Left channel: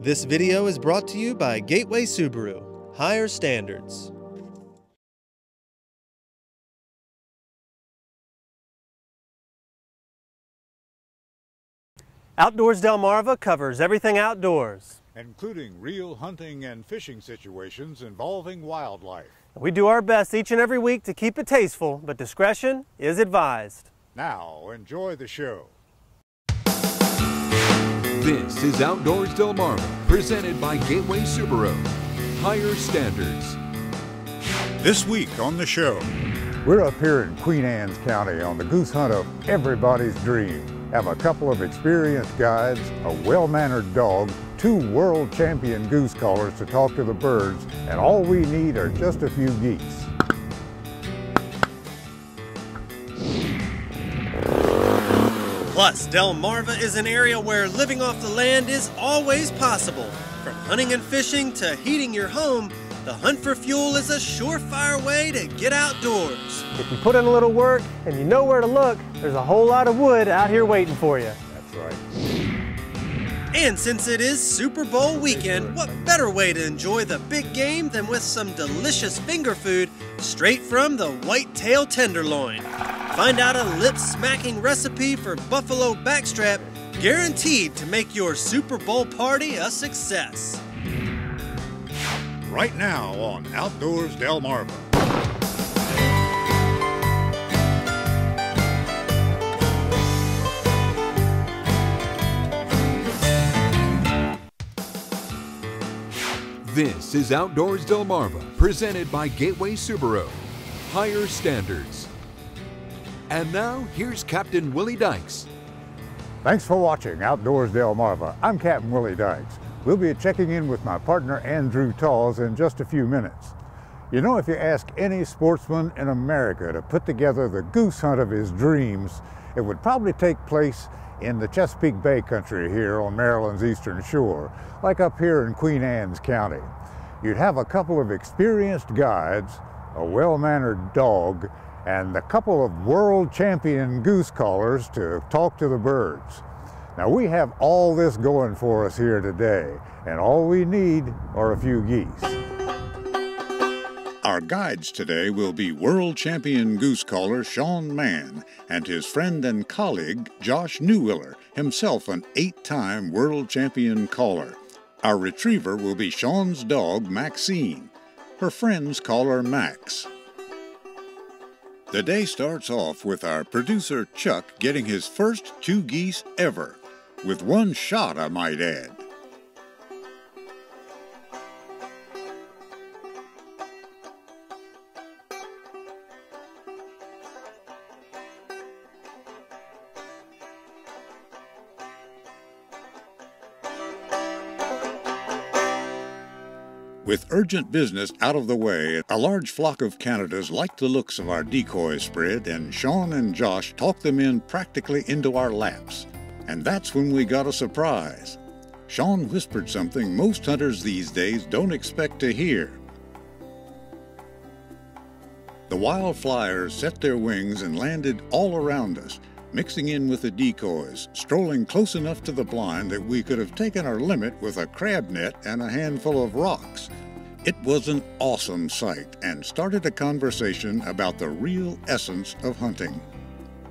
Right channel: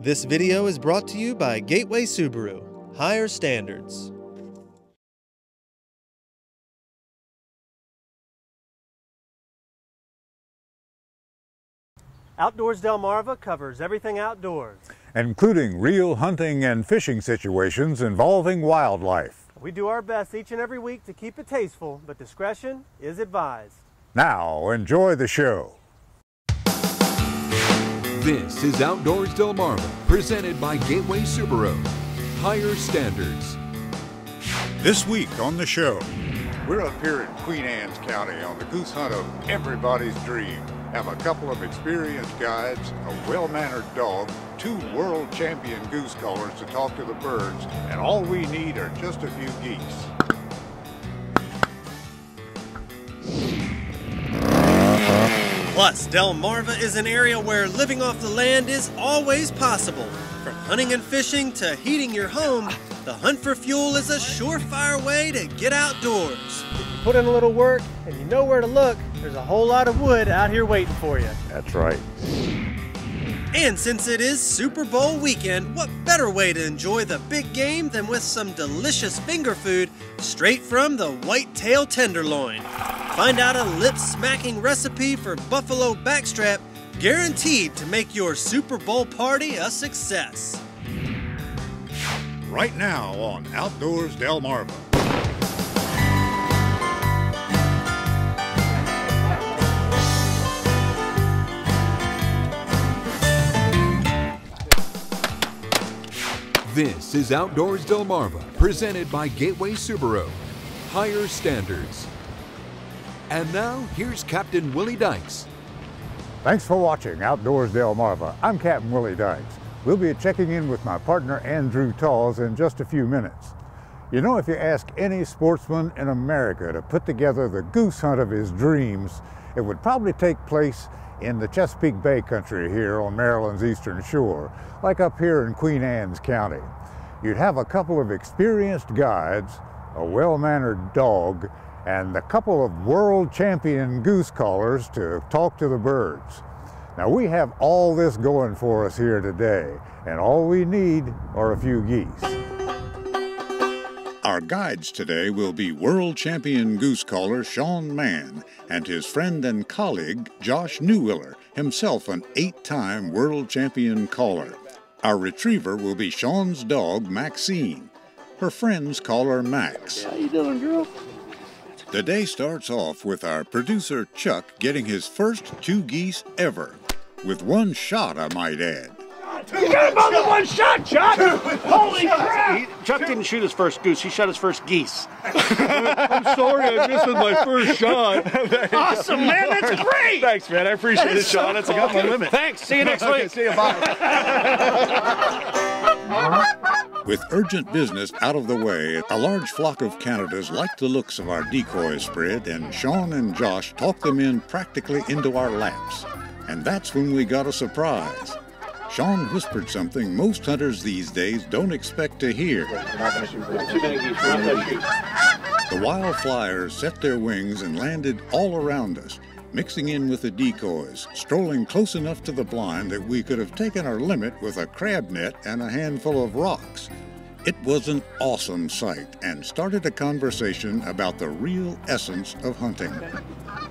This video is brought to you by Gateway Subaru. Higher standards. Outdoors Delmarva covers everything outdoors, including real hunting and fishing situations involving wildlife. We do our best each and every week to keep it tasteful, but discretion is advised. Now, enjoy the show. This is Outdoors Delmarva, presented by Gateway Subaru. Higher standards. This week on the show, we're up here in Queen Anne's County on the goose hunt of everybody's dream. Have a couple of experienced guides, a well-mannered dog, 2 world champion goose callers to talk to the birds, and all we need are just a few geese. Plus, Delmarva is an area where living off the land is always possible. From hunting and fishing to heating your home, the hunt for fuel is a surefire way to get outdoors. If you put in a little work and you know where to look, there's a whole lot of wood out here waiting for you. That's right. And since it is Super Bowl weekend, what better way to enjoy the big game than with some delicious finger food straight from the whitetail tenderloin. Find out a lip-smacking recipe for buffalo backstrap, guaranteed to make your Super Bowl party a success. Right now on Outdoors Delmarva. This is Outdoors Delmarva, presented by Gateway Subaru. Higher standards. And now, here's Captain Willie Dykes. Thanks for watching Outdoors Delmarva. I'm Captain Willie Dykes. We'll be checking in with my partner Andrew Tawes in just a few minutes. You know, if you ask any sportsman in America to put together the goose hunt of his dreams, it would probably take place in the Chesapeake Bay country here on Maryland's eastern shore, like up here in Queen Anne's County. You'd have a couple of experienced guides, a well-mannered dog, and a couple of world champion goose callers to talk to the birds. Now, we have all this going for us here today, and all we need are a few geese. Our guides today will be world champion goose caller Sean Mann and his friend and colleague Josh Newwiller, himself an 8-time world champion caller. Our retriever will be Sean's dog Maxine. Her friends call her Max. How you doing, girl? The day starts off with our producer Chuck getting his first 2 geese ever, with 1 shot, I might add. You got him on the 1 shot, Chuck! Holy crap! Chuck didn't shoot his first goose, he shot his first geese. I'm sorry I missed with my first shot. Awesome, man, that's great! Thanks, man, I appreciate it, Sean. That's got my limit. Thanks, see you next week. Okay, see you, bye. With urgent business out of the way, a large flock of Canadas like the looks of our decoy spread, and Sean and Josh talked them in practically into our laps. And that's when we got a surprise. Sean whispered something most hunters these days don't expect to hear. The wild flyers set their wings and landed all around us, mixing in with the decoys, strolling close enough to the blind that we could have taken our limit with a crab net and a handful of rocks. It was an awesome sight and started a conversation about the real essence of hunting.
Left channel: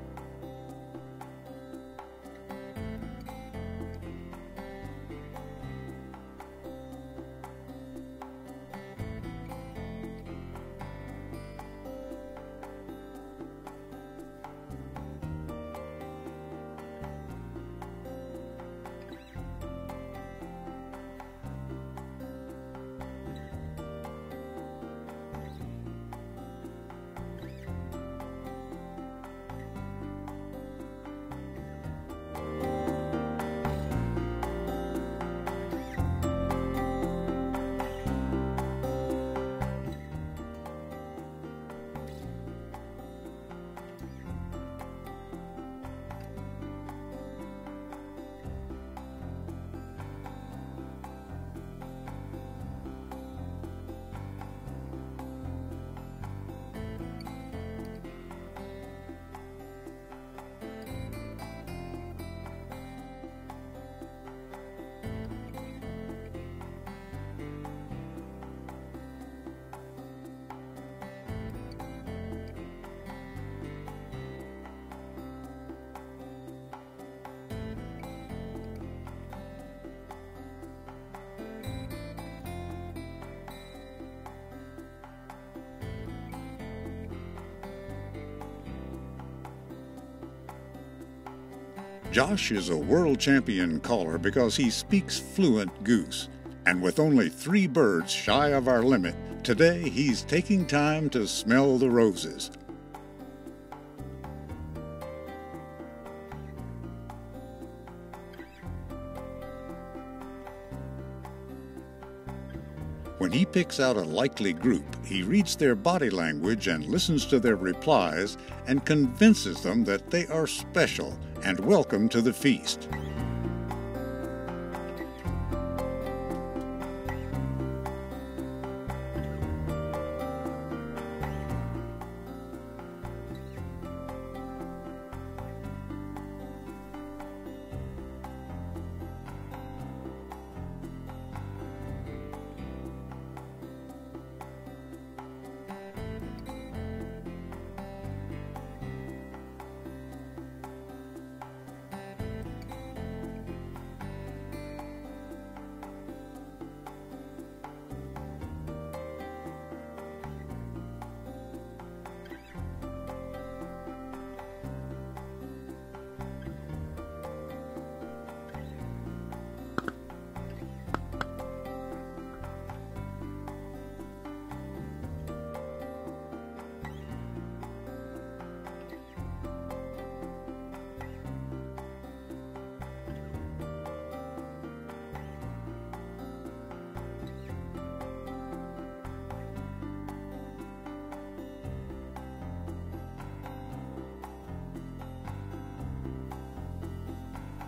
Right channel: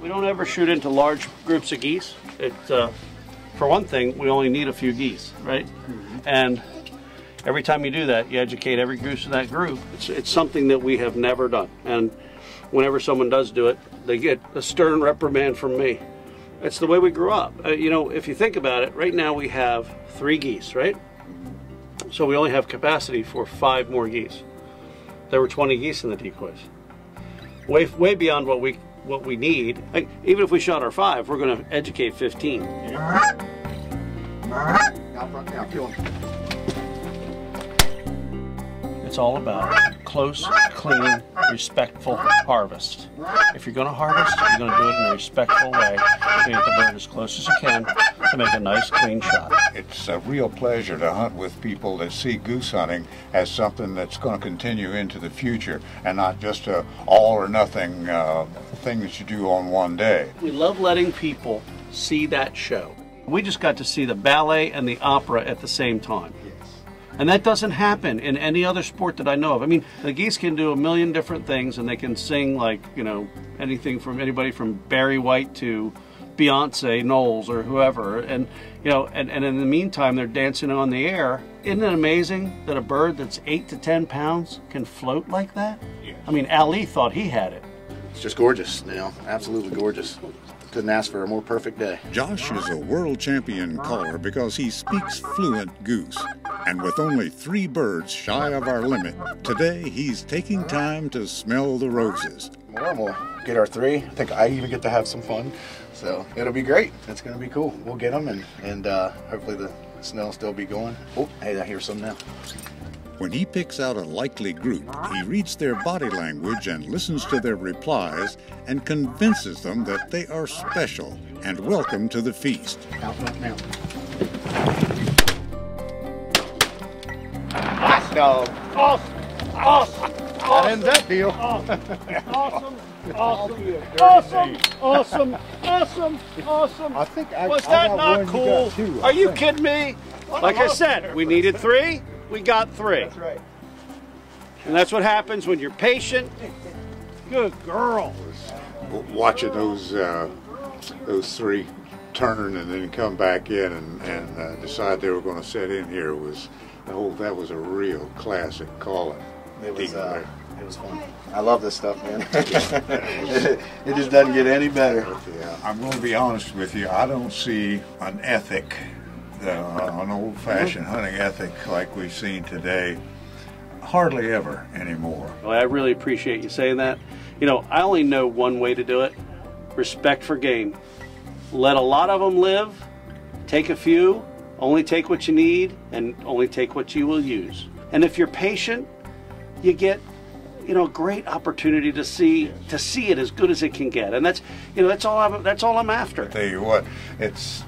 We don't ever shoot into large groups of geese. For one thing, we only need a few geese, right? And every time you do that, you educate every goose in that group. It's something that we have never done. And whenever someone does do it, they get a stern reprimand from me. It's the way we grew up. You know, if you think about it, right now we have 3 geese, right? So we only have capacity for 5 more geese. There were 20 geese in the decoys. Way beyond what we need. Like, even if we shot our 5, we're going to educate 15. It's all about close, clean, respectful harvest. If you're going to harvest, you're going to do it in a respectful way. You get the bird as close as you can to make a nice, clean shot. It's a real pleasure to hunt with people that see goose hunting as something that's going to continue into the future and not just a all or nothing thing that you do on one day. We love letting people see that show. We just got to see the ballet and the opera at the same time. And that doesn't happen in any other sport that I know of. I mean, the geese can do a million different things, and they can sing like, you know, anything from anybody from Barry White to Beyonce Knowles or whoever. And, you know, and in the meantime, they're dancing on the air. Isn't it amazing that a bird that's 8 to 10 pounds can float like that? I mean, Ali thought he had it. It's just gorgeous, you know, absolutely gorgeous. Couldn't ask for a more perfect day. Josh is a world champion caller because he speaks fluent Goose. And with only 3 birds shy of our limit, today he's taking time to smell the roses. Well, we'll get our 3. I think I even get to have some fun. So it'll be great. It's going to be cool. We'll get them and hopefully the snow will still be going. Oh, hey, I hear some now. When he picks out a likely group, he reads their body language and listens to their replies and convinces them that they are special and welcome to the feast. No. Awesome. Awesome. That ends that deal. Awesome. Awesome. Awesome. Awesome. Awesome. I think Was that not cool? Are you kidding me? Like I said, we needed 3, we got 3. That's right. And that's what happens when you're patient. Good girl. Watching those 3 turn and then come back in and decide they were going to set in here was, that was a real classic calling. It was fun. I love this stuff, man. It just doesn't get any better. Yeah, I'm going to be honest with you. I don't see an ethic, an old-fashioned hunting ethic like we've seen today, hardly ever anymore. Well, I really appreciate you saying that. You know, I only know one way to do it. Respect for game. Let a lot of them live. Take a few. Only take what you need and only take what you will use. And if you're patient, you get, you know, great opportunity to see it as good as it can get. And that's, you know, that's all I'm after. Tell you what, it's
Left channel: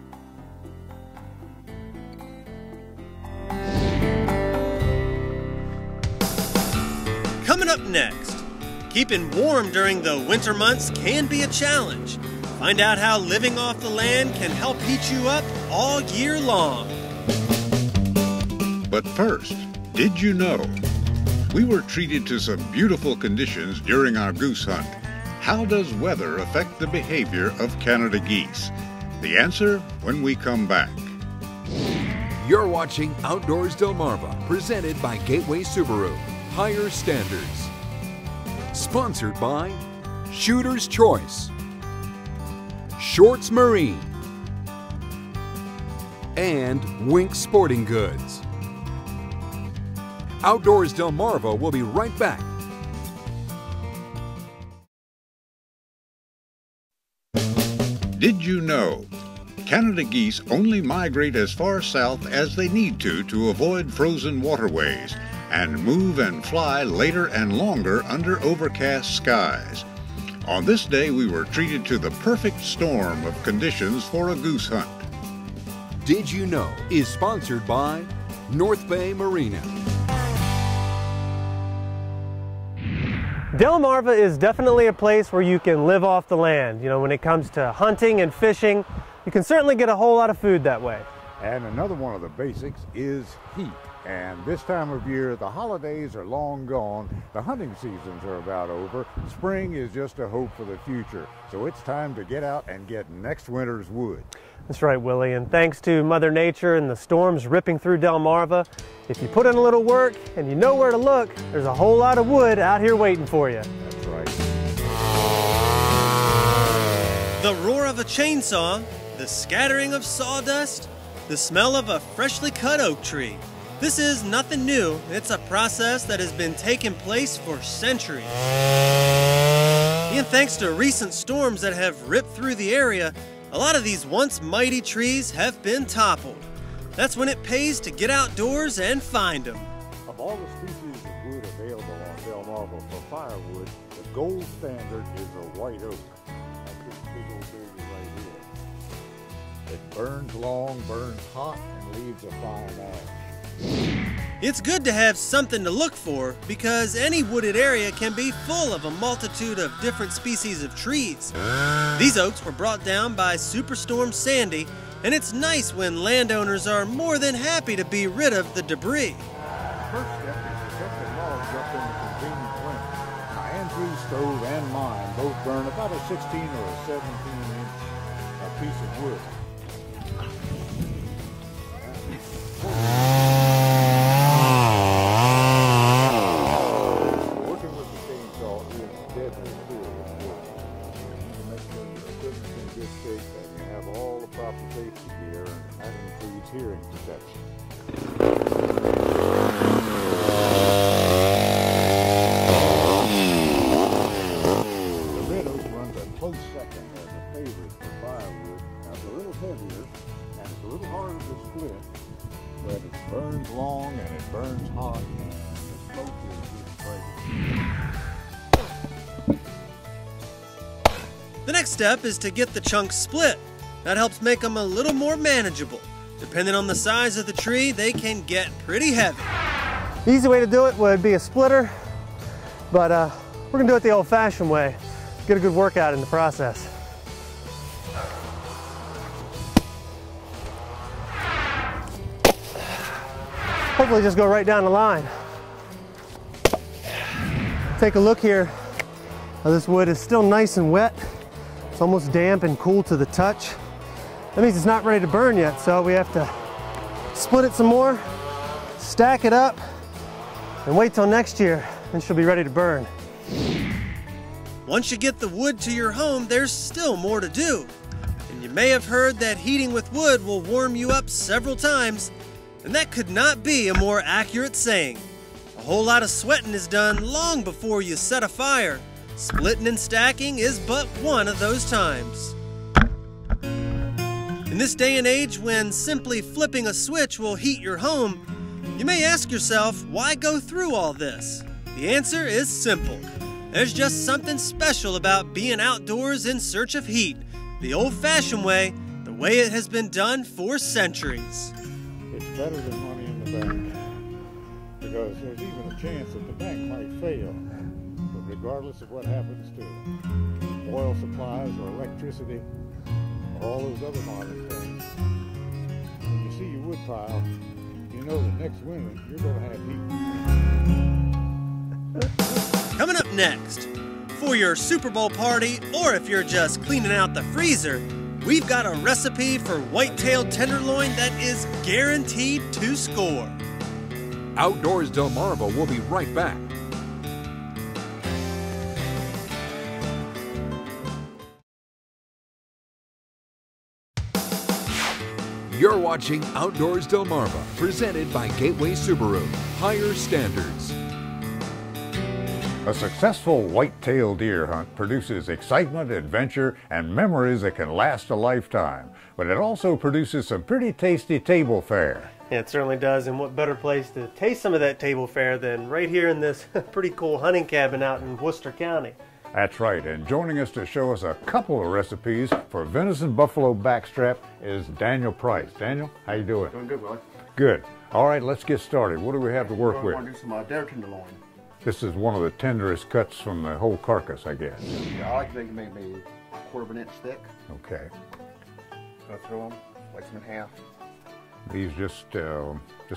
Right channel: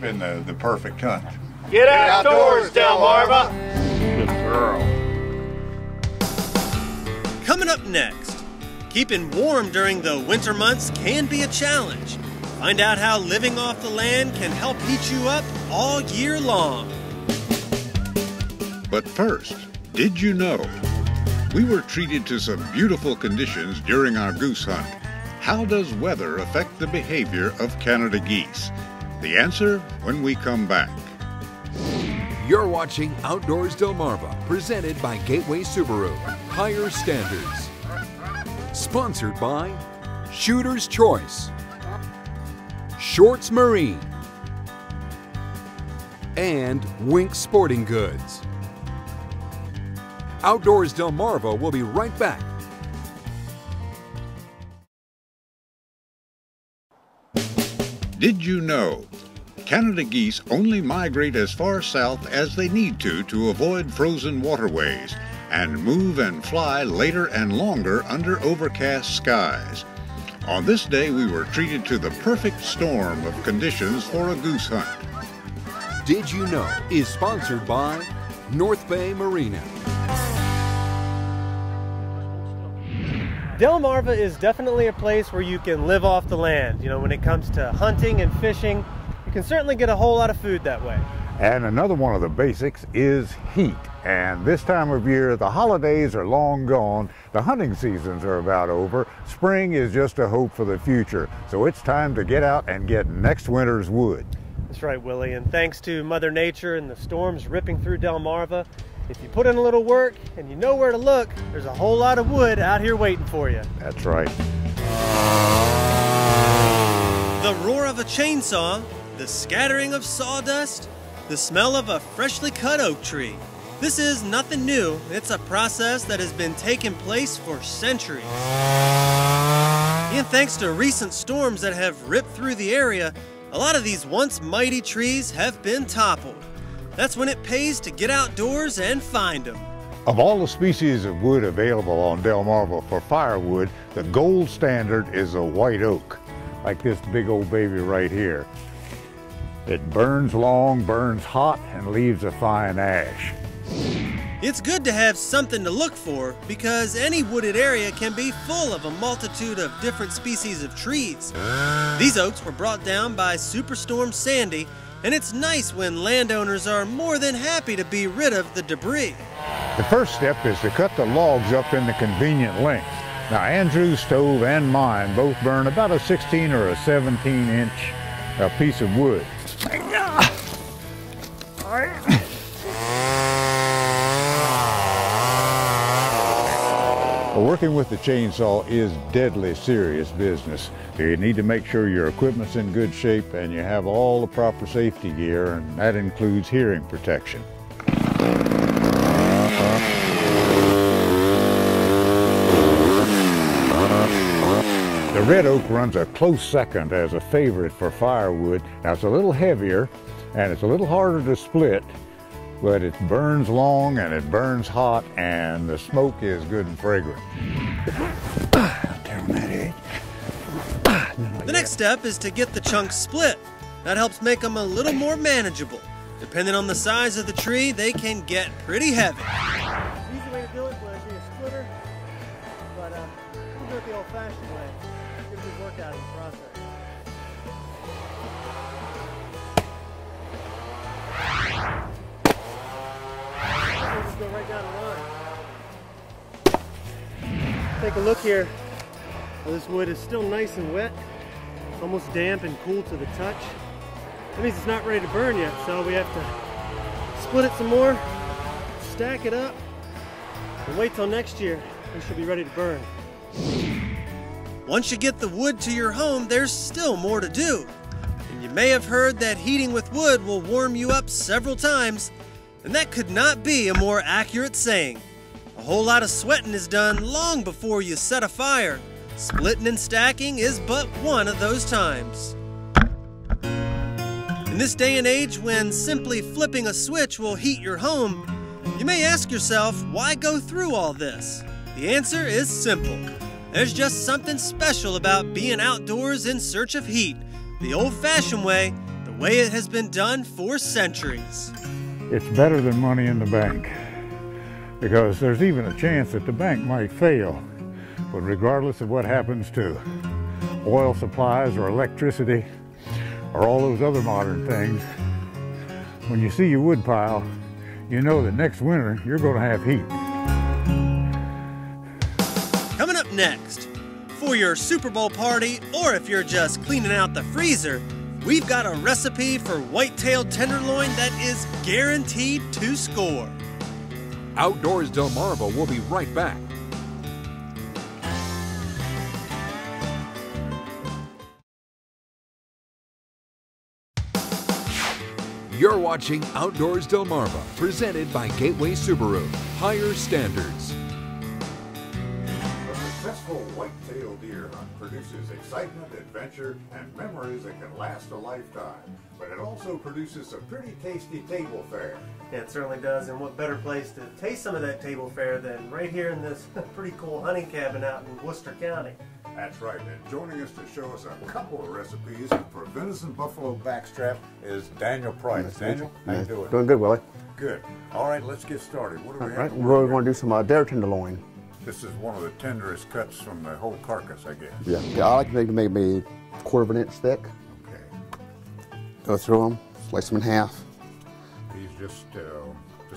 been the perfect hunt. Get outdoors, Delmarva. Coming up next, keeping warm during the winter months can be a challenge. Find out how living off the land can help heat you up all year long. But first, did you know? We were treated to some beautiful conditions during our goose hunt. How does weather affect the behavior of Canada geese? The answer when we come back. You're watching Outdoors Delmarva, presented by Gateway Subaru. Higher standards. Sponsored by Shooter's Choice, Shorts Marine, and Wink Sporting Goods. Outdoors Delmarva will be right back. Did you know? Canada geese only migrate as far south as they need to avoid frozen waterways and move and fly later and longer under overcast skies. On this day, we were treated to the perfect storm of conditions for a goose hunt. Did You Know is sponsored by North Bay Marina. Delmarva is definitely a place where you can live off the land. You know, when it comes to hunting and fishing, you can certainly get a whole lot of food that way. And another one of the basics is heat. And this time of year, the holidays are long gone, the hunting seasons are about over, spring is just a hope for the future. So it's time to get out and get next winter's wood. That's right, Willie, and thanks to Mother Nature and the storms ripping through Delmarva, if you put in a little work and you know where to look, there's a whole lot of wood out here waiting for you. That's right. The roar of a chainsaw, the scattering of sawdust, the smell of a freshly cut oak tree. This is nothing new. It's a process that has been taking place for centuries. And thanks to recent storms that have ripped through the area, a lot of these once mighty trees have been toppled. That's when it pays to get outdoors and find them. Of all the species of wood available on Delmarva for firewood, the gold standard is a white oak, like this big old baby right here. It burns long, burns hot, and leaves a fine ash. It's good to have something to look for because any wooded area can be full of a multitude of different species of trees. These oaks were brought down by Superstorm Sandy And it's nice when landowners are more than happy to be rid of the debris. The first step is to cut the logs up into convenient lengths. Now, Andrew's stove and mine both burn about a 16 or a 17-inch piece of wood. Working with the chainsaw is deadly serious business. You need to make sure your equipment's in good shape and you have all the proper safety gear, and that includes hearing protection. The red oak runs a close second as a favorite for firewood. Now, it's a little heavier and it's a little harder to split, but it burns long and it burns hot, and the smoke is good and fragrant. The next step is to get the chunks split. That helps make them a little more manageable. Depending on the size of the tree, they can get pretty heavy. The easy way to do it would be a splitter, but we're gonna do it the old-fashioned way. Get a good workout in the process. Hopefully just go right down the line. Take a look here. This wood is still nice and wet. It's almost damp and cool to the touch. That means it's not ready to burn yet, so we have to split it some more, stack it up, and wait till next year, and she'll be ready to burn. Once you get the wood to your home, there's still more to do. And you may have heard that heating with wood will warm you up several times, and that could not be a more accurate saying. A whole lot of sweating is done long before you set a fire. Splitting and stacking is but one of those times. In this day and age, when simply flipping a switch will heat your home, you may ask yourself, why go through all this? The answer is simple. There's just something special about being outdoors in search of heat, the old-fashioned way, the way it has been done for centuries. It's better than money in the bank, because there's even a chance that the bank might fail. But regardless of what happens to oil supplies or electricity or all those other modern things, when you see your wood pile, you know that next winter you're going to have heat. Coming up next, for your Super Bowl party, or if you're just cleaning out the freezer, we've got a recipe for white-tailed tenderloin that is guaranteed to score. Outdoors Delmarva will be right back. You're watching Outdoors Delmarva, presented by Gateway Subaru. Higher standards. A successful white-tailed deer hunt produces excitement, adventure, and memories that can last a lifetime. But it also produces some pretty tasty table fare. Yeah, it certainly does, and what better place to taste some of that table fare than right here in this pretty cool hunting cabin out in Worcester County. That's right, and joining us to show us a couple of recipes for venison buffalo backstrap is Daniel Price. Daniel, how you doing? Doing good, Willie. Good. All right, let's get started. What do we have to work We're with? going to do some deer tenderloin. This is one of the tenderest cuts from the whole carcass, I guess. Yeah, I like to make maybe a 1/4 inch thick. Okay. Go through them, slice them in half. These just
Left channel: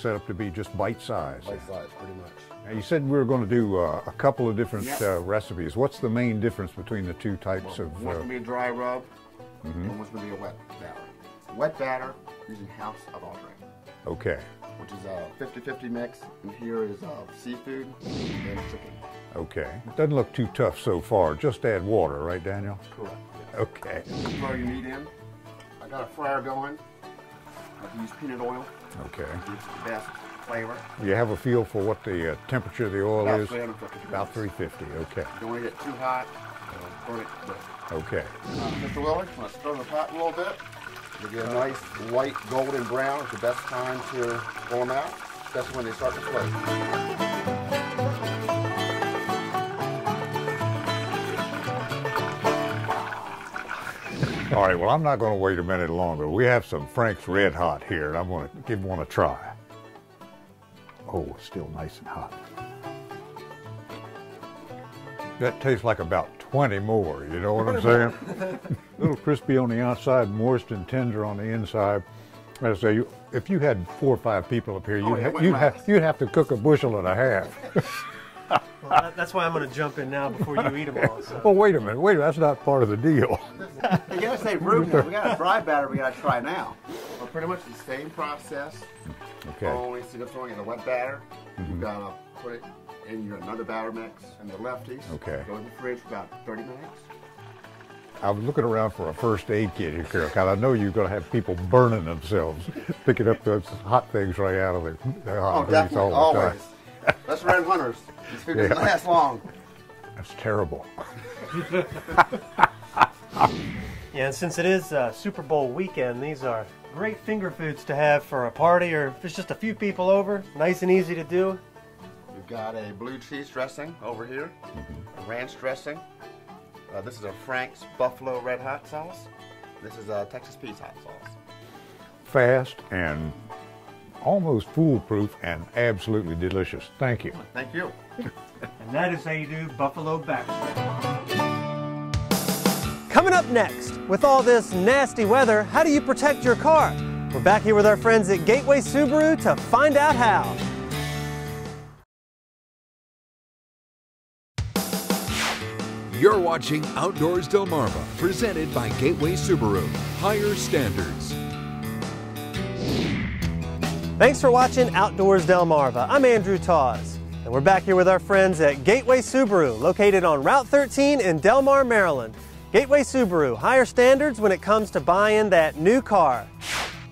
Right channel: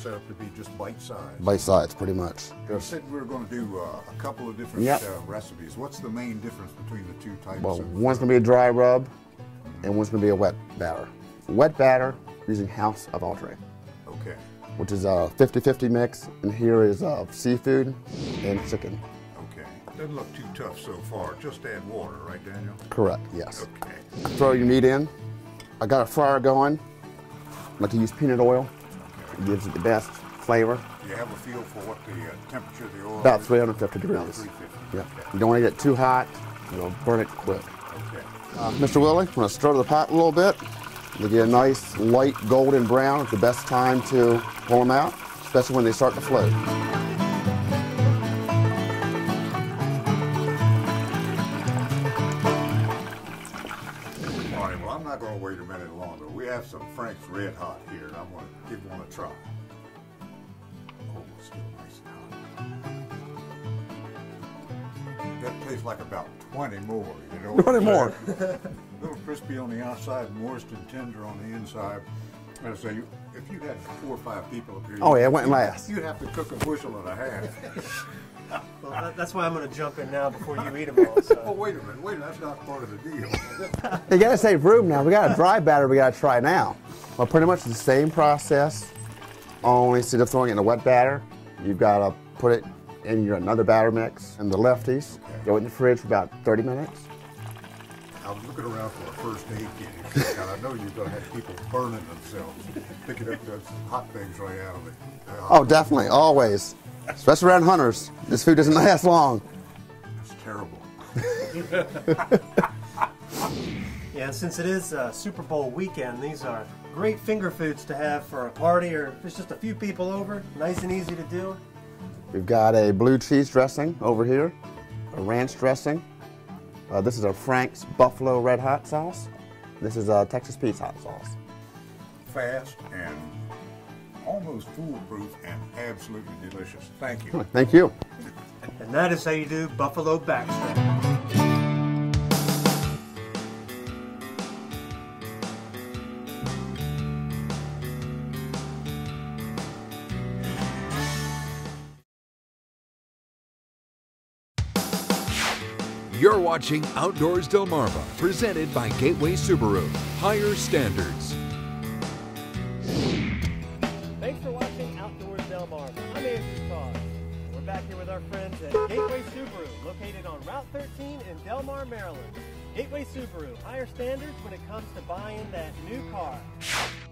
set up to be just bite-sized. Bite size, pretty much. You said we were going to do a couple of different Yep. recipes. What's the main difference between the two types Well, of? one's going to be a dry rub, and one's going to be a wet batter. Wet batter using House of Andre, Okay. which is a 50-50 mix, and here is seafood and chicken. Okay. Doesn't look too tough so far. Just add water, right, Daniel? Correct, yes. Okay. Throw your meat in. I got a fryer going. I like to use peanut oil. Okay. It gives it the best flavor. You have a feel for what the temperature of the oil About is? 350 degrees. About 350. Okay. You don't want to get too hot. You'll burn it quick. Okay. Mr. Willie, I'm going to stir the pot a little bit. They get a nice light golden brown. It's the best time to pull them out, especially when they start to float. All right, well, I'm not going to wait a minute longer. We have some Frank's Red Hot here, and I'm going to give one a try. Oh, it's still nice and hot. That tastes like about 20 more, you know what I'm saying? little crispy on the outside, moist and tender on the inside. I say, if you had 4 or 5 people up here, you'd have to cook a bushel and a half. Well, that's why I'm going to jump in now before you eat them all. So. Oh, wait a minute, that's not part of the deal. You got to save room now. We got a dry batter we got to try now. Well, pretty much the same process, only instead of throwing it in a wet batter, you've got to put it in another batter mix and the lefties. Okay. Go in the fridge for about 30 minutes. I was looking around for a first aid kit here, because I know you're going to have people burning themselves, picking up those hot things right out of it. Oh, definitely, always. Especially around hunters. This food doesn't last long. That's terrible. Yeah, and since it is Super Bowl weekend, these are great finger foods to have for a party or if there's just a few people over. Nice and easy to do. We've got a blue cheese dressing over here, a ranch dressing. This is a Frank's Buffalo Red Hot sauce. This is a Texas Pete's hot sauce. Fast and almost foolproof and absolutely delicious. Thank you. Thank you. And that is how you do buffalo backstrap. Coming up next, with all this nasty weather, how do you protect your car? We're back here with our friends at Gateway Subaru to find out how. You're watching Outdoors Delmarva, presented by Gateway Subaru. Higher standards. Thanks for watching Outdoors Delmarva. I'm Andrew Tawes, and we're back here with our friends at Gateway Subaru, located on Route 13 in Delmar, Maryland. Gateway Subaru, higher standards when it comes to buying that new car.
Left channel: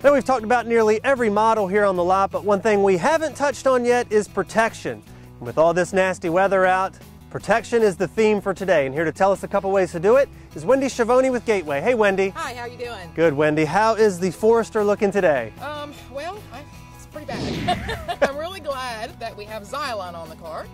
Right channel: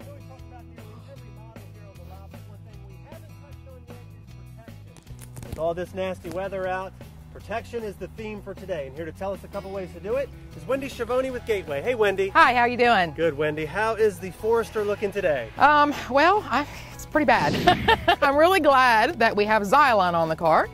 Now, we've talked about nearly every model here on the lot, but one thing we haven't touched on yet is protection. With all this nasty weather out, protection is the theme for today, and here to tell us a couple ways to do it is Wendy Schiavone with Gateway. Hey, Wendy. Hi, how you doing? Good, Wendy. How is the Forester looking today? Well, it's pretty bad. I'm really glad that we have Xylon on the car,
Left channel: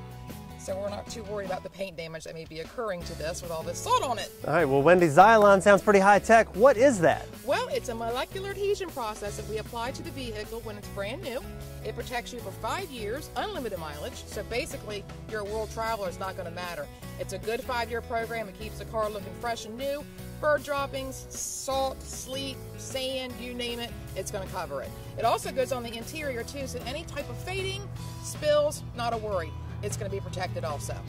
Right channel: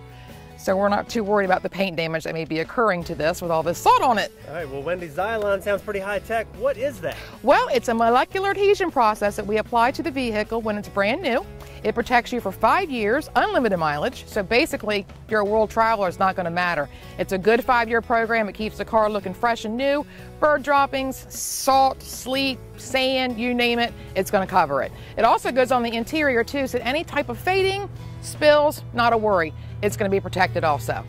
so we're not too worried about the paint damage that may be occurring to this with all this salt on it. All right, well, Wendy, Xylon sounds pretty high-tech. What is that? Well, it's a molecular adhesion process that we apply to the vehicle when it's brand new. It protects you for 5 years, unlimited mileage, so basically you're a world traveler, it's not going to matter. It's a good 5-year program. It keeps the car looking fresh and new. Bird droppings, salt, sleet, sand, you name it, it's going to cover it. It also goes on the interior too, so any type of fading, spills, not a worry. It's going to be protected also.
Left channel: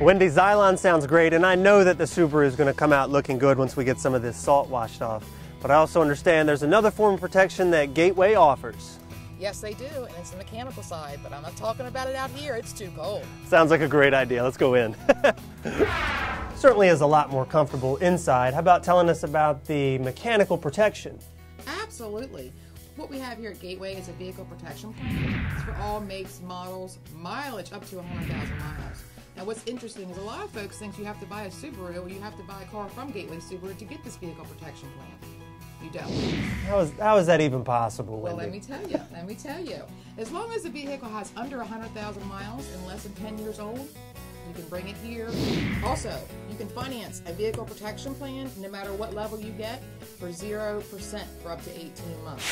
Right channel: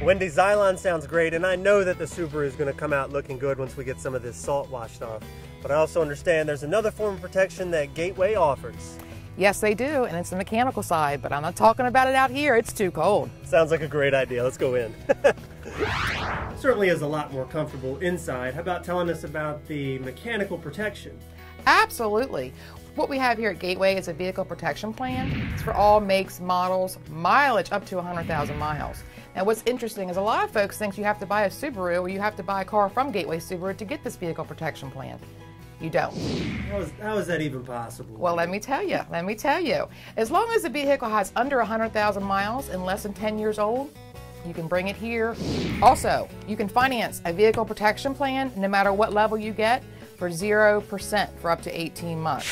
Wendy, Xylon sounds great, and I know that the Subaru is going to come out looking good once we get some of this salt washed off. But I also understand there's another form of protection that Gateway offers. Yes, they do, and it's the mechanical side, but I'm not talking about it out here. It's too cold. Sounds like a great idea. Let's go in. Certainly is a lot more comfortable inside. How about telling us about the mechanical protection? Absolutely. What we have here at Gateway is a vehicle protection plan. It's for all makes, models, mileage up to 100,000 miles. Now what's interesting is a lot of folks think you have to buy a Subaru or you have to buy a car from Gateway Subaru to get this vehicle protection plan. You don't. How is that even possible? Well, let me tell you. As long as the vehicle has under 100,000 miles and less than 10 years old, you can bring it here. Also, you can finance a vehicle protection plan no matter what level you get for 0% for up to 18 months.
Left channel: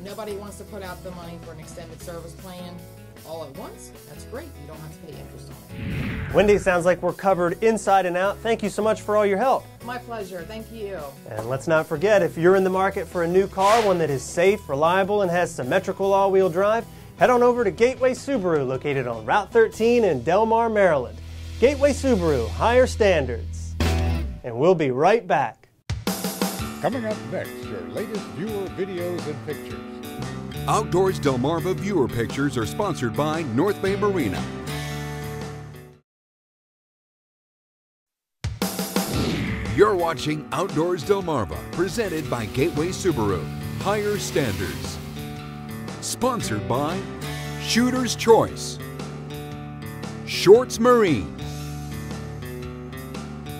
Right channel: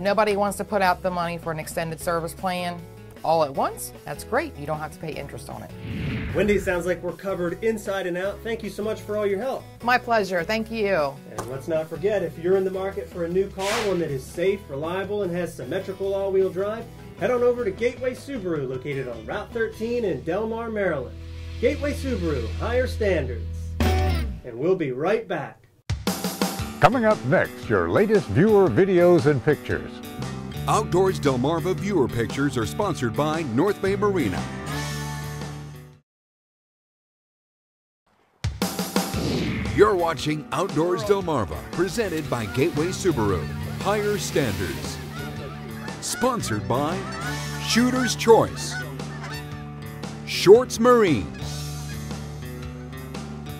Nobody wants to put out the money for an extended service plan all at once. That's great. You don't have to pay interest on it. Wendy, sounds like we're covered inside and out. Thank you so much for all your help. My pleasure. Thank you. And let's not forget, if you're in the market for a new car, one that is safe, reliable, and has symmetrical all-wheel drive, head on over to Gateway Subaru, located on Route 13 in Delmar, Maryland. Gateway Subaru, higher standards. And we'll be right back. Coming up next, your latest viewer videos and pictures. Outdoors Delmarva viewer pictures are sponsored by North Bay Marina. You're watching Outdoors Delmarva, presented by Gateway Subaru. Higher standards. Sponsored by Shooter's Choice, Shorts Marine,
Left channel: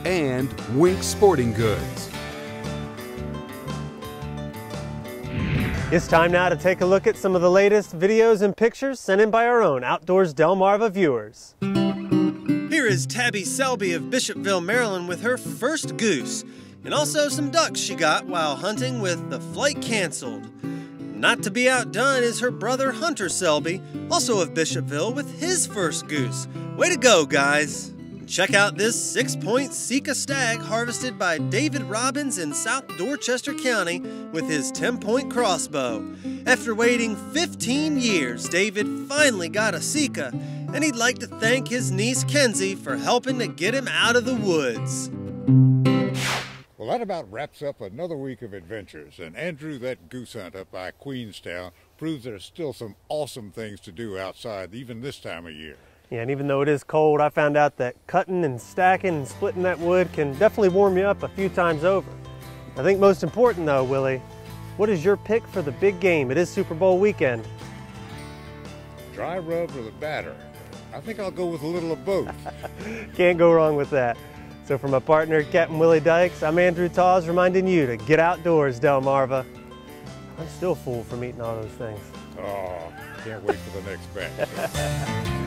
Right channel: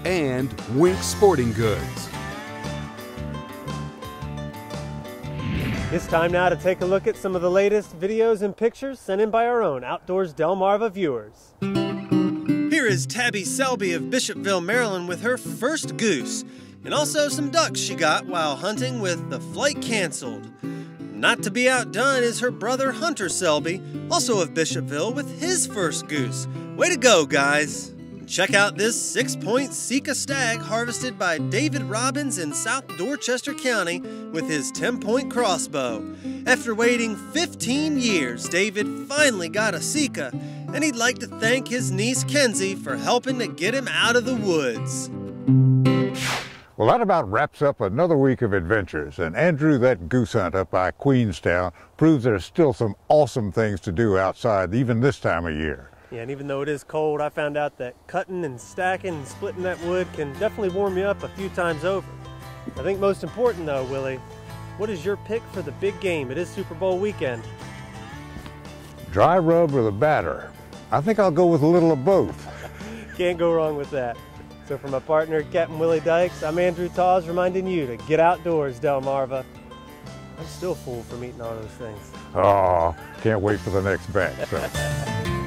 and Wink Sporting Goods. It's time now to take a look at some of the latest videos and pictures sent in by our own Outdoors Delmarva viewers. Here is Tabby Selby of Bishopville, Maryland with her first goose, and also some ducks she got while hunting with the flight canceled. Not to be outdone is her brother Hunter Selby, also of Bishopville, with his first goose. Way to go, guys. Check out this 6-point Sika stag harvested by David Robbins in South Dorchester County with his 10-point crossbow. After waiting 15 years, David finally got a Sika, and he'd like to thank his niece Kenzie for helping to get him out of the woods. Well, that about wraps up another week of adventures, and Andrew, that goose hunt up by Queenstown proves there's still some awesome things to do outside even this time of year. Yeah, and even though it is cold, I found out that cutting and stacking and splitting that wood can definitely warm you up a few times over. I think most important though, Willie, what is your pick for the big game? It is Super Bowl weekend. Dry rub or the batter? I think I'll go with a little of both. Can't go wrong with that. So for my partner, Captain Willie Dykes, I'm Andrew Taws reminding you to get outdoors, Delmarva. I'm still full from eating all those things. Oh, can't wait for the next batch.